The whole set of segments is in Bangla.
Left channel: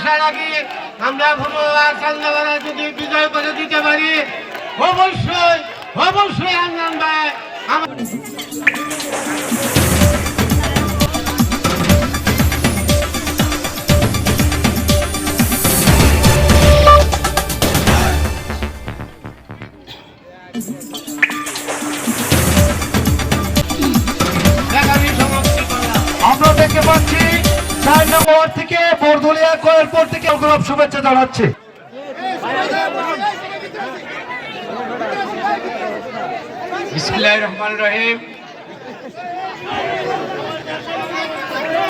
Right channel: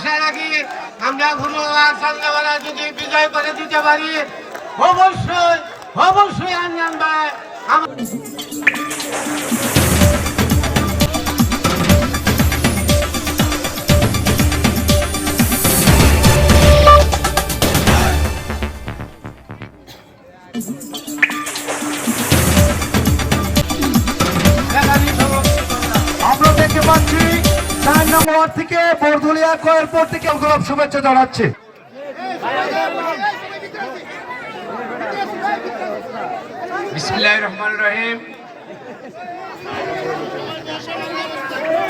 আশা রাখি আমরা ভূমল্লার চন্দ্রবেলা যদি বিজয় করে দিতে পারি অবশ্যই অবশ্যই আঞ্জান ভাই ওয়ার্ড থেকে বরদলিয়া কয়েরপুর থেকে গোলাপ শুভেচ্ছা জানাচ্ছে। রহমান রহিম।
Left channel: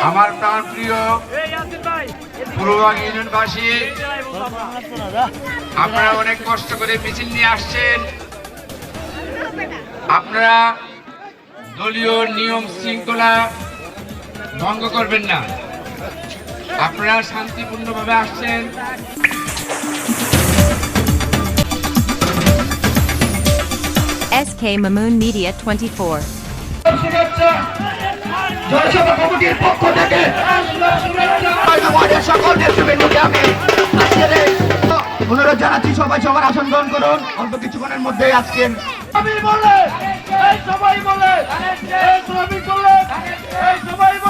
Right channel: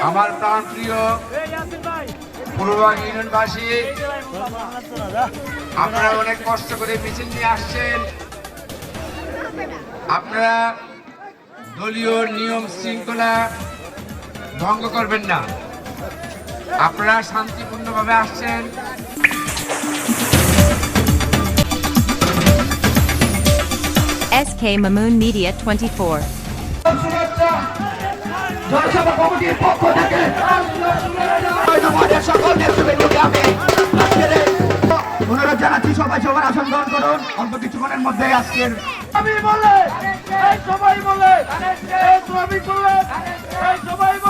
আমার প্রাণ প্রিয় ইউনিয়নবাসী, আপনারা অনেক কষ্ট করে মিছিল নিয়ে আসছেন। আপনারা দলীয় নিয়ম শৃঙ্খলা ভঙ্গ করবেন না। আপনারা শান্তিপূর্ণভাবে আসছেন। SK Mamoon Media 24. শুভেচ্ছা কমিটির পক্ষ থেকে সকল নেতৃবৃন্দকে আমি আজকের এই অনুরোধ জানাচ্ছি সবাই সবার আসন গ্রহণ করুন। অল্প কিছুক্ষণের মধ্যে আজকের আমি বলে সবাই বলে এই শ্রমিক বলে এই সবাই বলে।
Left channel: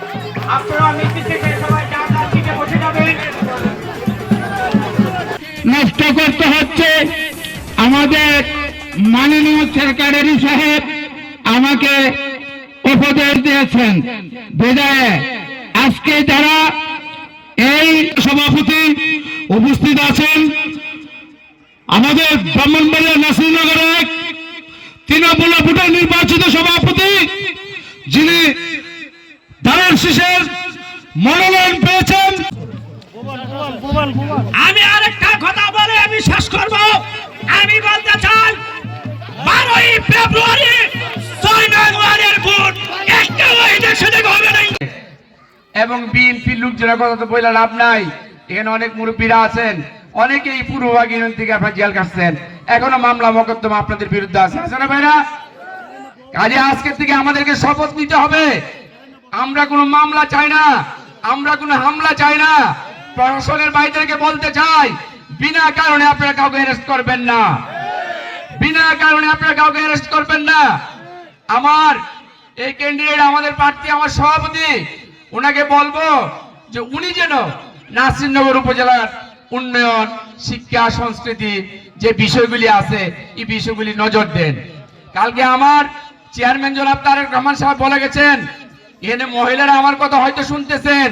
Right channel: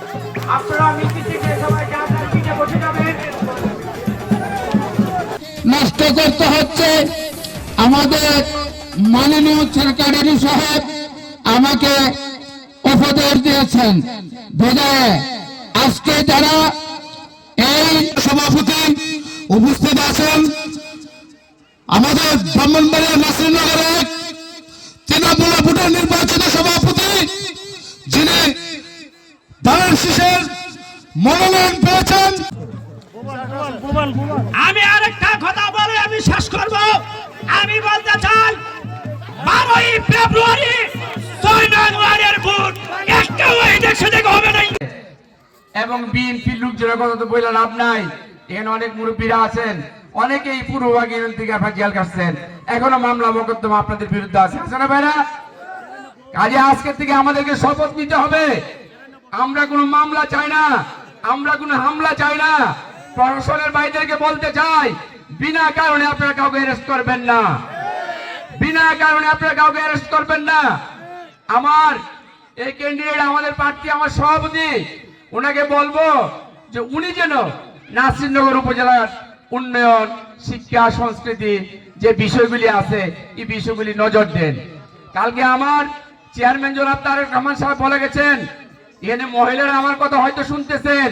নষ্ট করতে হচ্ছে আমাদের মাননীয় সেক্রেটারি সাহেব আমাকে উপদেশ দিয়েছেন। বিদায়ে, আজকে যারা এই সভাপতি উপস্থিত আছেন, আমাদের ব্রাহ্মণবাড়িয়া শিশের মনোনয়ন পেয়েছেন। আমি আরেকটা কথা বলে আমি শেষ করব। আমি বলতে চাই বারোই ফেব্রুয়ারি ছয় জানুয়ারির ভোট। একটা দেশে থেকে হবে না এবং বিএনপির লোকজনের কথা তো বললেন লাভ নাই। এখানে অনেক মুরব্বীরা আছেন অনেকেই পূর্বভাগ ইউনিয়ন থেকে আপনার জেল কাটছেন এখনও মামলা মকদ্দমা আপনাদের বিরুদ্ধে আছে। আছে না ভাইরা? কাজে আজকের থেকে আমাদেরকে শপথ নিতে হবে। আমরা কোনো মামলা চাই না, আমরা কোনো হামলা চাই না। প্রশাসনের বাইদেরকে বলতে চাই, বিনা কারণে আপনারা কাউকে অ্যারেস্ট করবেন না। বিনা কারণে আপনারা কাউকে অ্যারেস্ট করবেন না। আমার এই ক্যান্ডিডেট আমাদের প্রার্থী, আমার সভাপতি, ওনাকে বলব যে উনি যেন নাসিরনগর উপজেলার উন্নয়ন, শিক্ষা, সংস্কৃতি যে বিষয়গুলি আছে, এই বিষয়গুলি নজর দেন। কালকে আমার চেয়ারম্যান জনাব তারেক রহমান সাহেব বলে গেছেন এখানে মহিলারা আমার কথা হয়তো শুনতেছেন।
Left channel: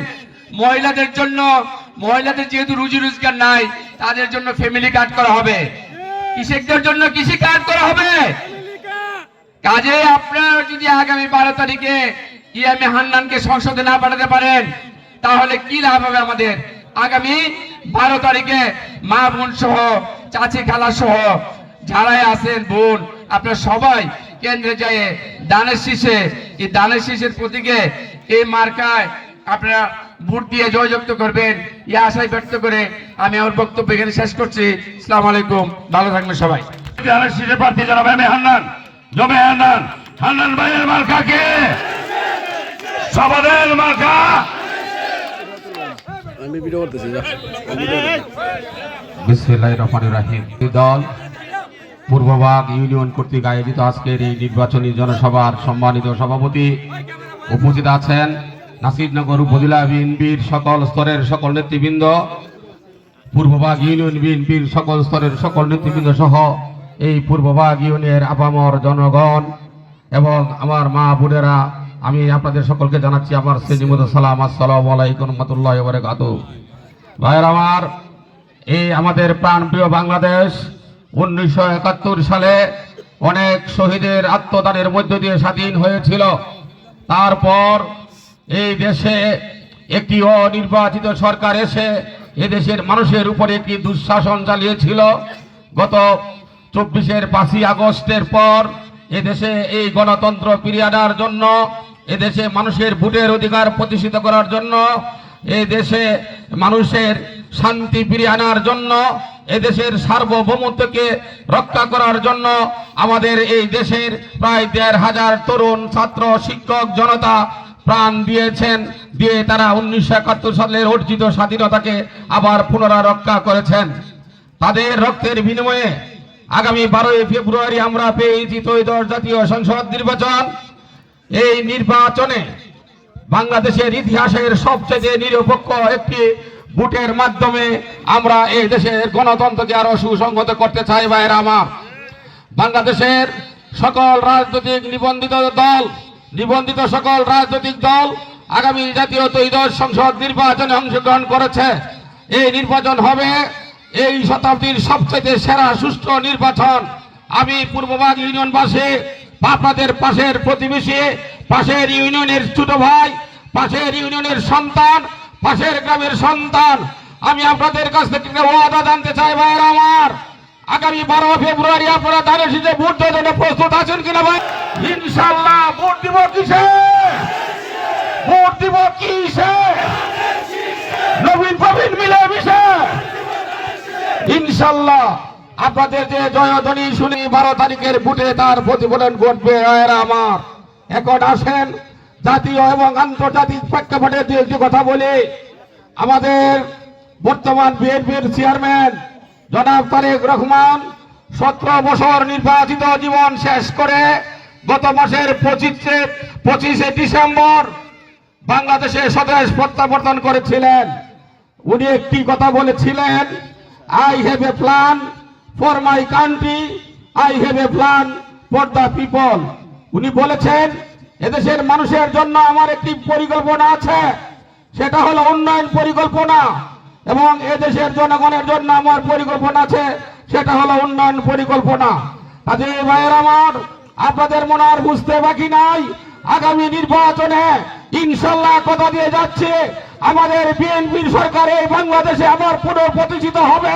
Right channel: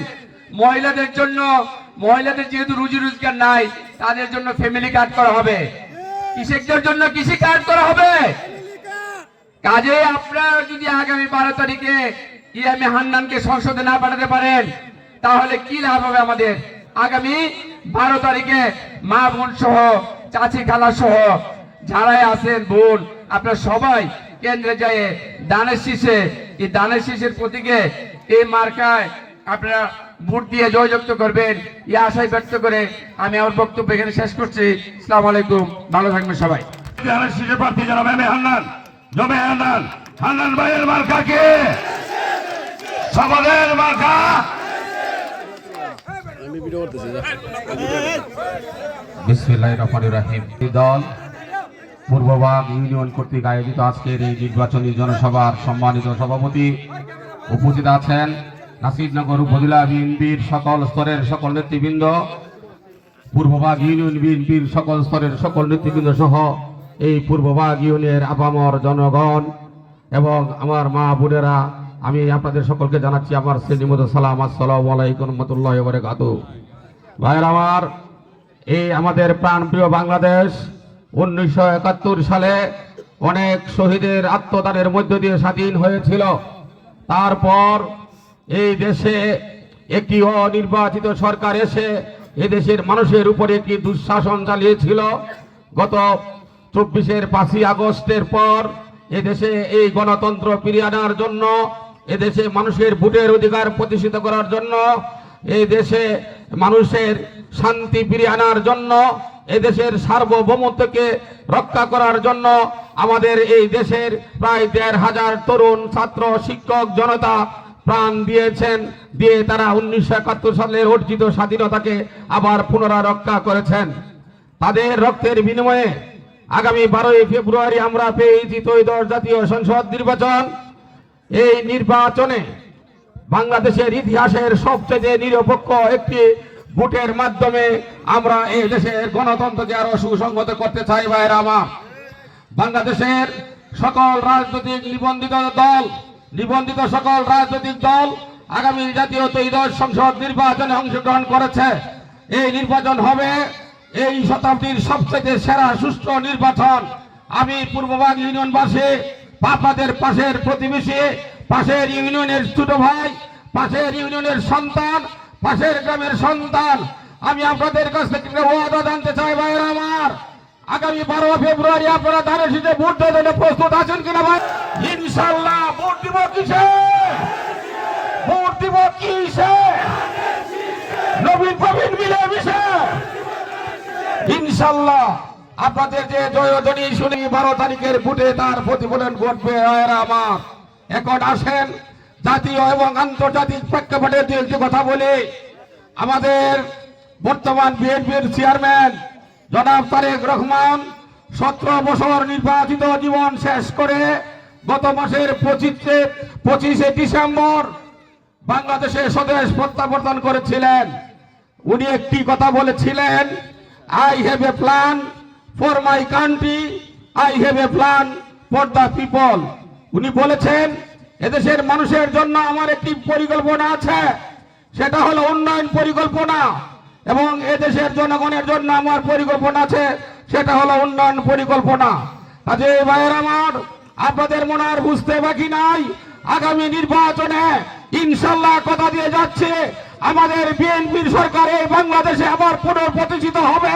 মহিলাদের জন্য, মহিলাদের যেহেতু রুজি রোজগার নাই, তাদের জন্য ফ্যামিলি কার্ড করা হবে। কৃষকদের জন্য কৃষি কার্ড করা হবে। কাজে আপনারা যদি আগামী বারো তারিখে ইয়ামি হান্নানকে সংসদে না পাঠাতে পারেন, তাহলে কি লাভ হবে আমাদের? আগামী বারো তারিখে মা বোন সহ, চাচি খালা সহ, যারাই আছেন, বোন, আপনারা সবাই কেন্দ্রে যায় দানের শীষে এই দানের শীষের প্রতীকে এই মার্কায় আপনারা ভোট দিয়ে জয়যুক্ত করবেন। এই আশাই ব্যক্ত করে আমি আমার বক্তব্য এখানে শেষ করছি। আসসালামু আলাইকুম। ভালো থাকবেন সবাই। শীর্ষ প্রার্থী জানাব এম হান্নান। জমে হান্নান হান্নান ভাইয়ের মার্কা কে? সবাদের মার্কা? বিসমিল্লাহির রহমানির রহিম। দল পূর্ববাগ ইউনিয়ন কর্তৃক আয়োজিত আজকের এই নির্বাচনী জনসভার সম্মানিত সভাপতি উপস্থিত আছেন নাসিরনগর উপজেলা বিএনপির সকল স্তরের সকল নেতৃবৃন্দ পূর্ববাগ ইউনিয়ন বিএনপির সকল স্তরের সকল নেতৃবৃন্দ সহ এই পূর্ববাগ ইউনিয়নের আপামর জনগণ এবং আমার মা বোনেরা, আমি আপনাদের সকলকে জানাচ্ছি আমার শ্রেণীমতো সালাম, আসসালামু আলাইকুম রহমতুল্লাহ ভাইয়ের আমার, এই আমাদের প্রাণপ্রিয় বাংলাদেশ উনিশশো একাত্তর সালে অনেক শহীদের আত্মদানের মধ্য দিয়ে স্বাধীন হয়েছিল। তারপর এই দেশে একটি অনির্বাচিত সরকার এসে এদেশের মানুষের উপরে কি দুঃশাসন চালিয়েছিল। গত চব্বিশের পাঁচই আগস্টের পর এদেশে এই গণতন্ত্র ফিরিয়ে আনার জন্য, এদেশে মানুষের ভোটের অধিকার প্রতিষ্ঠিত করার জন্য এই দেশে মানুষের শান্তি ফিরিয়ে আনার জন্য এদেশের সার্বভৌমত্বকে রক্ষা করার জন্য আমাদের এই দেশের প্রায় দেড় হাজার তরুণ ছাত্র, শিক্ষক, জনতা প্রাণ দিয়েছেন, দিয়ে তারা উনিশশো একাত্তর সালের অর্জিত স্বাধীনতাকে আবার পুনরায় রক্ষা করেছেন। তাদের রক্তের বিনিময়ে আগামী বারোই ফেব্রুয়ারি আমরা পেয়েছি ত্রয়োদশ জাতীয় সংসদ নির্বাচন। এই নির্বাচনে বাংলাদেশের ইতিহাসের সবচেয়ে নিরপেক্ষ একটি ভোটের মাধ্যমে আমরা এই দেশের গণতন্ত্রকে আরও সুসংহত করতে চাই, ভাইয়ের আমার। বাংলাদেশের সকল রাজনৈতিক নিবন্ধিত দল, নিবন্ধিত সকল রাজনৈতিক দল আগামী জাতীয় ত্রয়োদশ সংসদ নির্বাচনে অংশগ্রহণ করেছে। এই নির্বাচন হবে এই শতাব্দীর সবচেয়ে সেরা, সুষ্ঠু নির্বাচন। আমি পূর্ববাগ ইউনিয়নবাসী, আপনাদের পাশের প্রতিবেশী, পাশের ইউনিয়নের ছোট ভাই, পাশের ইউনিয়নের সন্তান পাশের গ্রামের সন্তান, আমি আপনাদের কাছ থেকে ওয়াদা জানতে চাই ভাইয়ের আমার। আগামী বারো ফেব্রুয়ারি আপনারা দাঁড়িয়ে এসেছে ভোট দেওয়ার জন্য প্রস্তুত আছেন কিনা ভাই? ইনশাল্লাহ ভোট দিব কিসে? ভোট দিব কিসে? নবীন প্রবীণ মিলে মিশে ইনশাল্লাহ আপনাদের যে জয়ধ্বনি শুনি বারো তারিখের বুটে তার প্রতিফলন ঘটবে আমার। এখন আসেন জাতীয় এবং আন্তর্জাতিক প্রেক্ষাপটে দু একটি কথা বলি। আমাদের বর্তমান বিএনপির চেয়ারম্যান জনাব তারেক রহমান সতেরো বছর নির্বাচিত জীবন শেষ করে গত মাসের পঁচিশে পঁচিশে ডিসেম্বর বাংলাদেশে স্বদেশ প্রত্যাবর্তন করেছিলেন। উনি একটি কথা বলেছিলেন I have a plan for my country I have a plan for the people উনি বলেছেন এদেশের মানুষের জন্য আমার একটি পরিকল্পনা আছে। সেটা হলো উন্নয়ন পরিকল্পনা এবং এদেশের জনগণের জন্য আমার পরিকল্পনা আছে, সেটা হলো উন্নয়ন পরিকল্পনা। কাজে ভাইয়ের আমার, আপনাদের মনে আর বুঝতে বাকি নাই, আগামী নির্বাচনে ইনশাল্লাহ কথা দিয়ে যাচ্ছে, আমাদের বিএনপির সরকার বাংলাদেশে আবার পুনঃপ্রতিষ্ঠিত হবে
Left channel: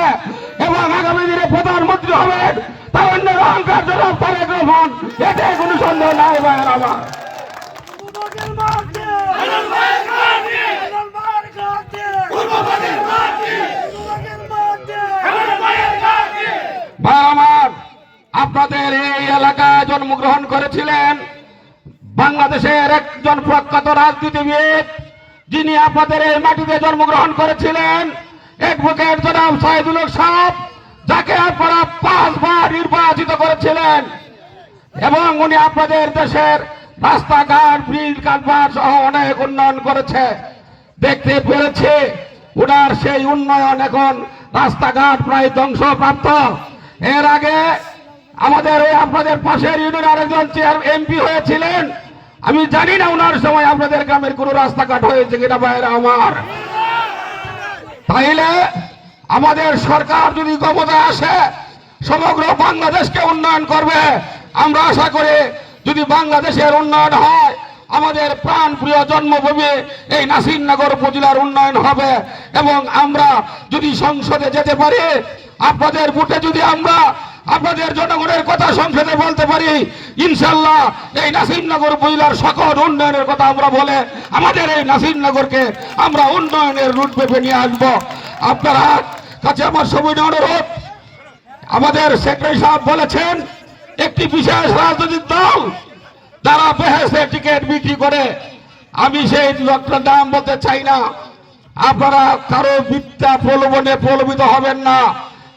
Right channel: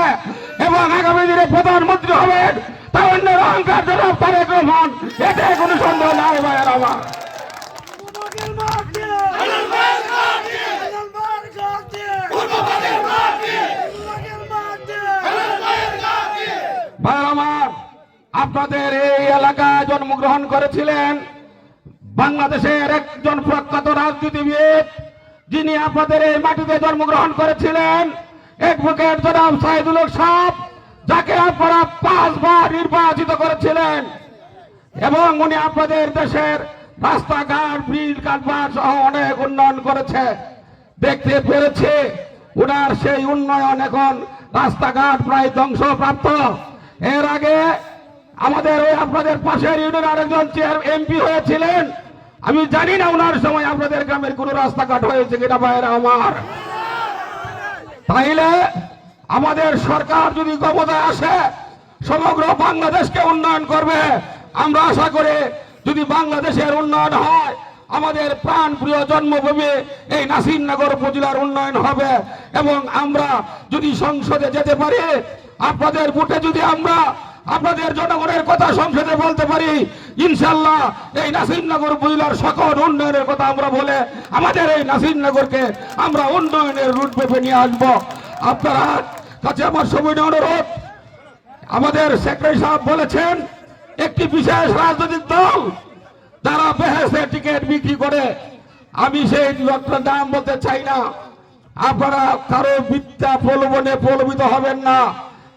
এবং আগামী দিনে প্রধানমন্ত্রী হবেন তারণ্যের অহংকার জনাব তারেক রহমান, এতে কোনো সন্দেহ নাই ভাইয়ের আমার। আপনাদের এই এলাকায় জন্মগ্রহণ করেছিলেন বাংলাদেশের একজন প্রখ্যাত রাজনীতিবিদ, যিনি আপনাদের এই মাটিতে জন্মগ্রহণ করেছিলেন। অ্যাডভোকেট জনাব সাইদুল সাহেব, যাকে আপনারা পাঁচবার নির্বাচিত করেছিলেন। এবং উনি আপনাদের দেশের রাস্তাঘাট ব্রিজ কালভার সহ অনেক উন্নয়ন করেছে। দেখতে পেরেছে, উনার সেই উন্নয়ন এখন রাস্তাঘাট প্রায় ধ্বংসপ্রাপ্ত। এর আগে আমাদের ওই আপনাদের পাশের ইউনিয়ন আরেকজন চেয়ার এমপি হয়েছিলেন। আমি জানি না ওনার সময় আপনাদের গ্রামের কোন রাস্তাঘাট হয়েছে কিনা বাইরে আমার। তাইলে আমাদের সরকার যদি ক্ষমতায় আসে, সমগ্র বাংলাদেশকে উন্নয়ন করবে। আমরা আশা করি যদি বাংলাদেশের উন্নয়ন হয়, আমাদের প্রাণ প্রিয় জন্মভূমি এই নাসিরনগর উপজেলার উন্নয়ন হবে। এবং আমরা যদি সংসদে যেতে পারি, আপনাদের ভোটে যদি আমরা আপনাদের জনগণের কথা সংসদে বলতে পারি ইনশাল্লাহ এই নাসিরনগর উপজেলার সকল উন্নয়নের কথা আমরা বলে আমাদের এই নাসিরনগরকে আমরা উন্নয়নের রুট পেপে নিয়ে আসব। আপনারা কাছে আমার সবই অনুরোধ, আমাদের সেক্রেটারি সাহেব বলেছেন একটি বিশেষ রাজনৈতিক দল যারা বেহেসে টিকিট বিক্রি করে, আমি সেই লোকটার নাম বলতে চাই না। আপনারা কারও মিথ্যা প্রলোভনে প্রলোভিত হবেন না,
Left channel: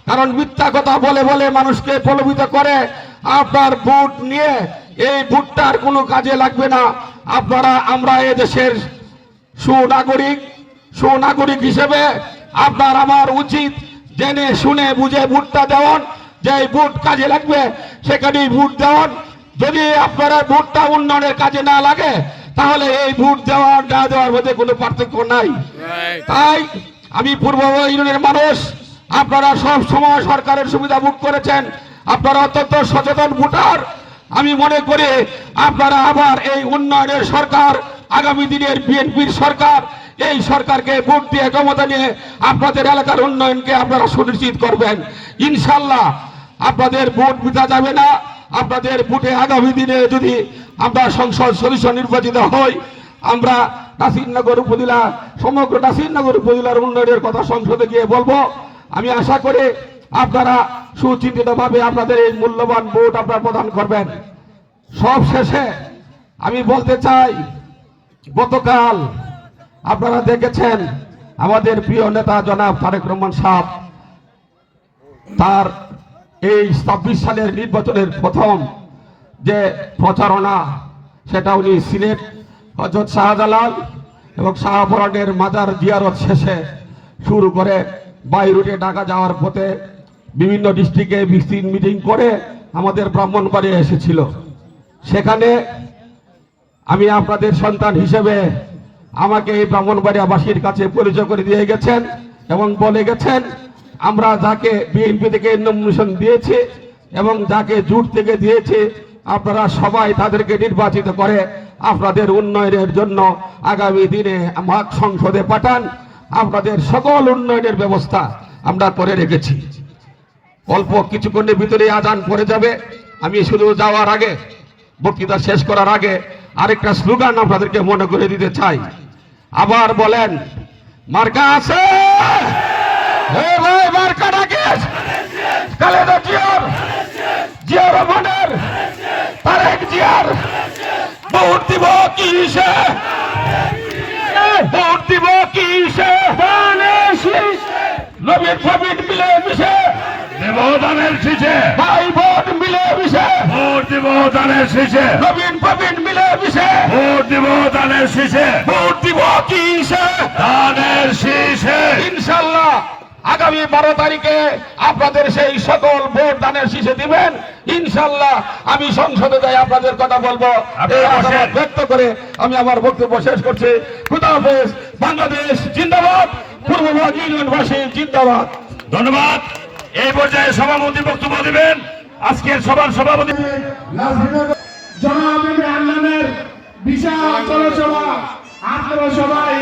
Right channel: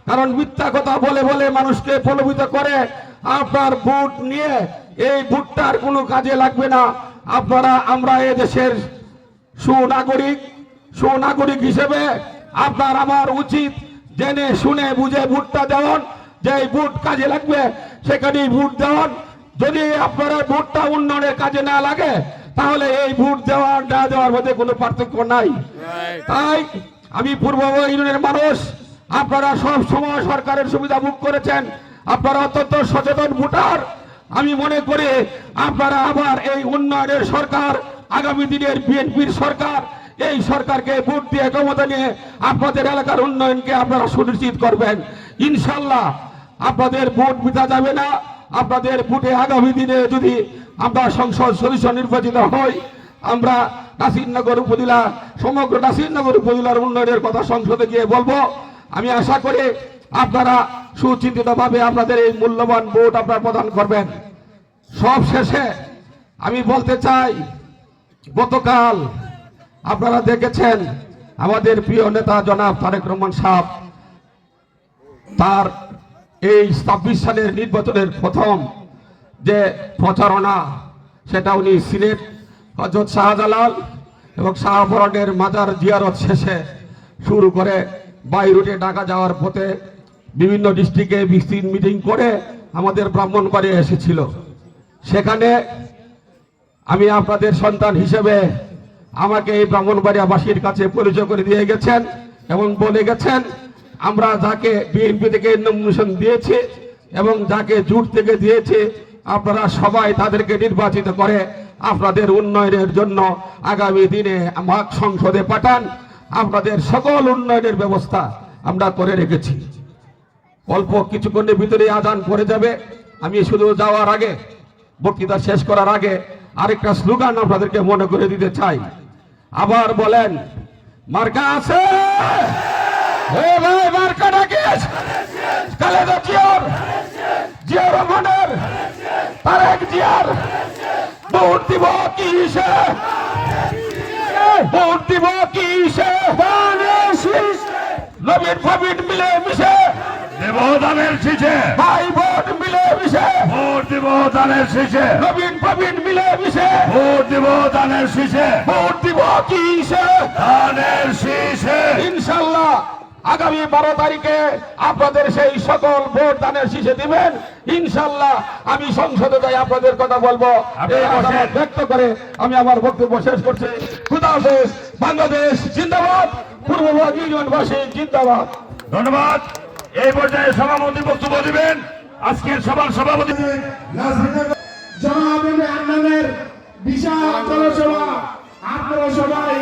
কারণ মিথ্যা কথা বলে বলে মানুষকে প্রলোভিত করে। আপনার ভোট নিয়ে এই ভোটটার কোনো কাজে লাগবে না। আপনারা, আমরা এ দেশের সুনাগরিক সুনাগরিক হিসেবে আপনার আমার উচিত জেনে শুনে বুঝে ভোটটা দেওয়ান যে ভোট কাজে লাগবে সেখানেই ভোট দেওয়ার। যদি আপনারা ভোটটা উন্নয়নের কাজে না লাগে তাহলে এই ভোট দেওয়ার না দেওয়ার মধ্যে কোনো পার্থক্য নাই। তাই আমি পূর্ব ইউনিয়নের মানুষ আপনারা সব সময় সরকারের সুবিধা ভোগ করেছেন। আপনারা অত্যন্ত সচেতন ভোটার। আমি মনে করি আপনারা আবার এই উন্নয়নের সরকার আগামী দিনের বিএনপির সরকার এই সরকারকে ভোট দিয়ে ক্ষমতা নিয়ে আপনাদের এলাকার উন্নয়নকে আপনারা সুনিশ্চিত করবেন। ইনশাল্লাহ আপনাদের ভোট বিতা যাবে না। আপনাদের ভোটে আগামী দিনে যদি আমরা সংসদ সদস্য নির্বাচিত হই, আমরা নাসিরনগর উপজেলা, সমগ্র নাসিরনগর উপজেলার উন্নয়নের কথা সংসদে গিয়ে বলব। আমি আশা করি আপনারা সুচিন্তিতভাবে আপনাদের এই মূল্যবান ভোট আপনারা প্রদান করবেন। সব শেষে আমি বলতে চাই, গতকাল আপনারা দেখেছেন আমাদের প্রিয় নেতা জনাব তারেক রহমান সাহেব, তার এই ছাব্বিশ সালের নির্বাচনের প্রথম যে প্রচারণা, সেটা উনি সিলেট, হজরত শাহজালাল এবং শাহপরানের মাজার জিয়ারত শেষে শুরু করে বাই রুটে ঢাকা যাওয়ার পথে বিভিন্ন ডিস্ট্রিক্টে বিস্তৃত মিটিং করে আমাদের ব্রাহ্মণবাড়ি এসেছিল। সেখানে আমি আপনাদের সন্তান হিসেবে আমাকে এই ব্রাহ্মণবাড়িয়াবাসীর কাছে পরিচয় করে দিয়ে গেছেন এবং বলে গেছেন আমরা যাকে বিএনপি থেকে নমিনেশন দিয়েছি এবং যাকে জুট থেকে দিয়েছে, আপনারা সবাই তাদেরকে নির্বাচিত করে আপনাদের উন্নয়নের জন্য আগামী দিনে আমার সংসদে পাঠান। আপনাদের সকল উন্নয়নের ব্যবস্থা আমরা করে রেখেছি। অল্প কিছুক্ষণের ভিতরে আদান পড়ে যাবে। আমি শুধু যাওয়ার আগে, বক্তৃতা শেষ করার আগে আরেকটা স্লোগান আপনাদেরকে মনে করে দিতে চাই। আবার বলেন, মার্কা আছে! হে ভাই মার্কাটা কি আছে খালেদা জিয়ার জিয়া রহমানের তারেক জিয়ার ভোট দিব কি সে? ভোট দিব কি সে? নবীন ফবিন মিলে মিশে। দেবদানের শীষে ভাই বোন মিলে মিশে। ভোট দিব দানের শীষে নবীন প্রবীণ মিলে মিশে। ভোট দিব দানের শীষে ভোট দিব কি সে? দানের শীষে ইনশাল্লাহ। আগামী বারো তারিখে আপনাদের সেই সকল ভোট দানের শীষে দিবেন। ইনশাল্লাহ আমি সংসদে যাই আপনাদের কথা বলব। ব্যক্ত করে আমি আমার বক্তব্য শেষ করছি। খুদা হাফেজ বাংলাদেশ জিন্দাবাদ পূর্ববঙ্গ ইউনিয়নবাসী জিন্দাবাদ। ধন্যবাদ। এই পর্যায়ে সভাপতি বক্তব্য দেবেন। আজকের সভার সভাপতি জনাব বিশাল জনসভা আপনারা সবাই